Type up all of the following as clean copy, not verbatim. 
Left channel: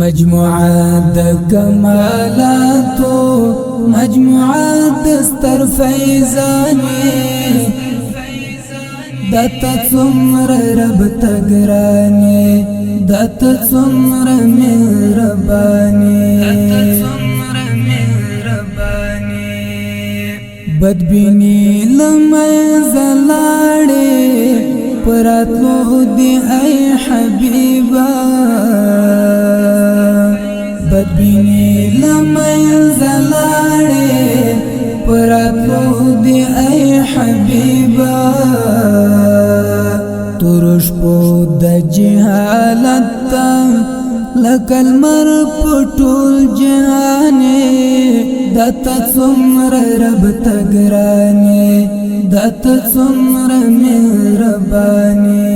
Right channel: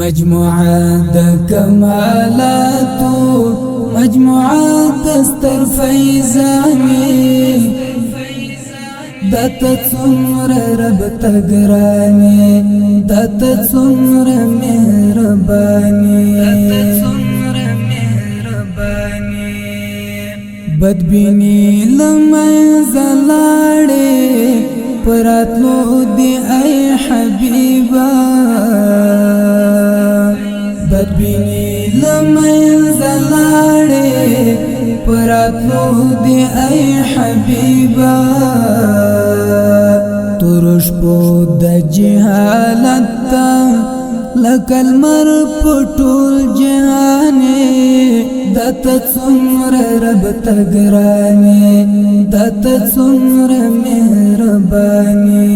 مجموعة د کمالاتو مجموعة دستر فیضانی دتا څومره رب تګرانی دتا څومره مهربانی بدبینی لمنځ لاړې پراتلو دی ای حبیبا بدبینی لمنځ لاړې پراتلو دی ای حبیبا ترش پو د جهالت لکل مر پټول جهانې دتا څومره رب تګرانی دتا څومره مهربانی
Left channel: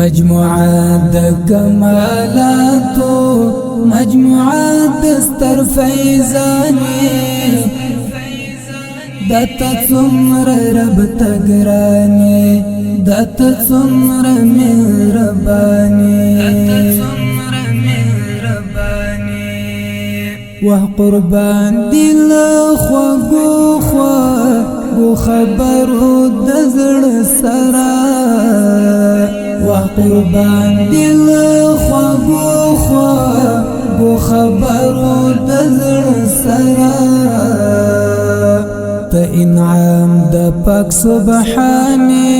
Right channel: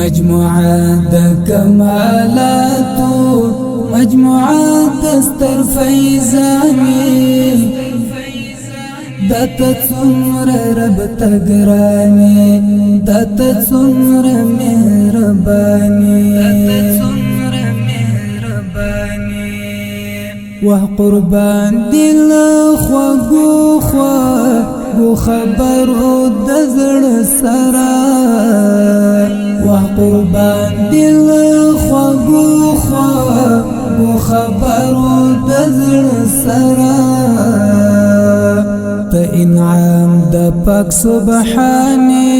مجموعه د کمالاتو مجموعه دستر فیضانی دتا څومره رب تګرانی دتا څومره مهربانی وه قربان دل خوږو خوږو خبرو د زړه سره وه قربان دل خوږو خوږو خبرو د زړه سره ته انعام د پاک سبحانه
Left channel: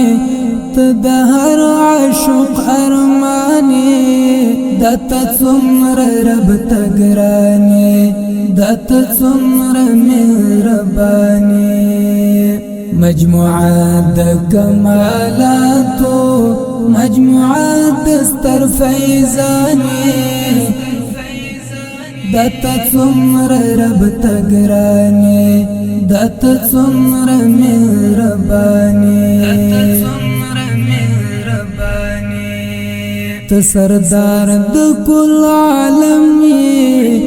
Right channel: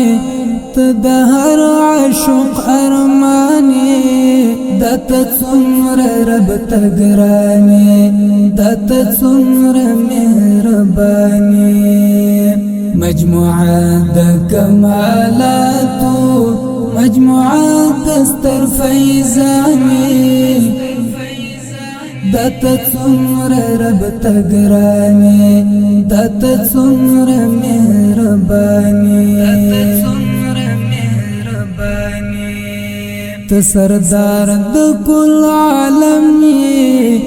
ته د هر عاشق ارمانی دتا څومره رب تګرانی دتا څومره مهربانی مجموعه د کمالاتو مجموعه دستر فیضانی دتا څومره رب تګرانی دتا څومره مهربانی ته سردار د کل عالم یې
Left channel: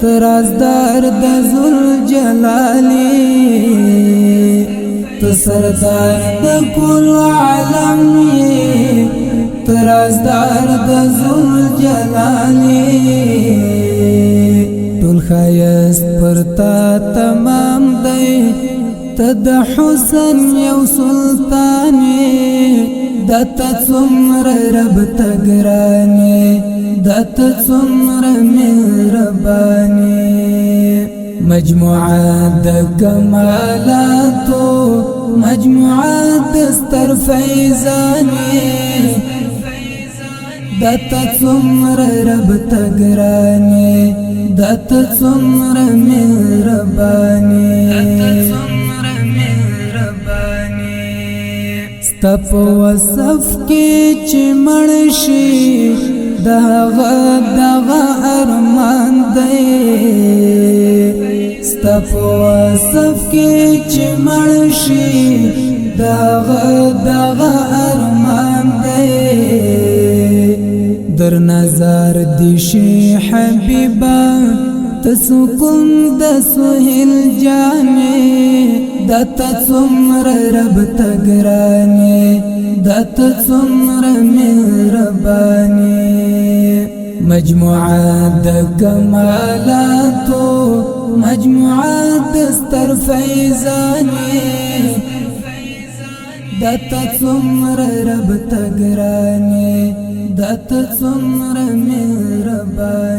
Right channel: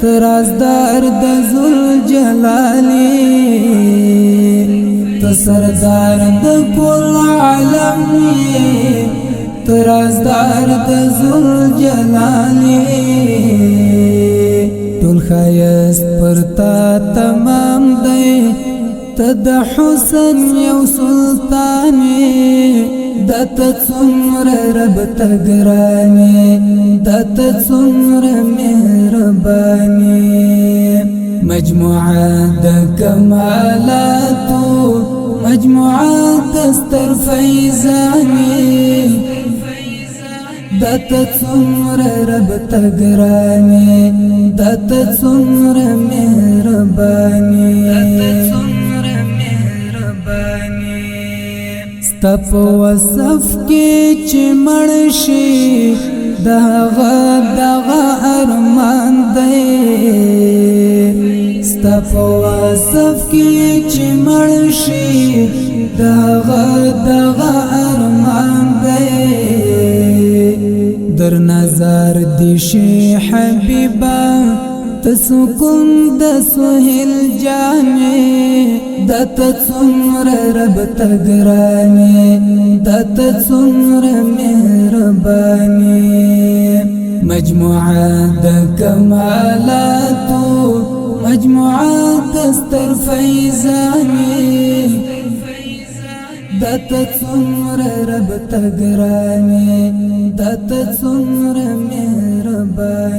ته رازدار د ذوالجلالی ته سردار د کل عالم یې ته رازدار د ذوالجلالی ټول ښایست پر تا تمام دی ته د حسن یو سلطانې دتا څومره رب تګرانی دتا څومره مهربانی مجموعه د کمالاتو مجموعه دستر فیضانی دتا څومره رب تګرانی دتا څومره مهربانی تپ وصف کې چې مرشي دغه ارمان دی تپ وصف کې چې مرشي دغه ارمان دی در نظر دی شي حبیبا تسکون د سهیل جانې دتا څومره رب تګرانی دتا څومره مهربانی مجموعه د کمالاتو مجموعه دستر فیضانی دتا څومره رب تګرانی دتا څومره مهربانی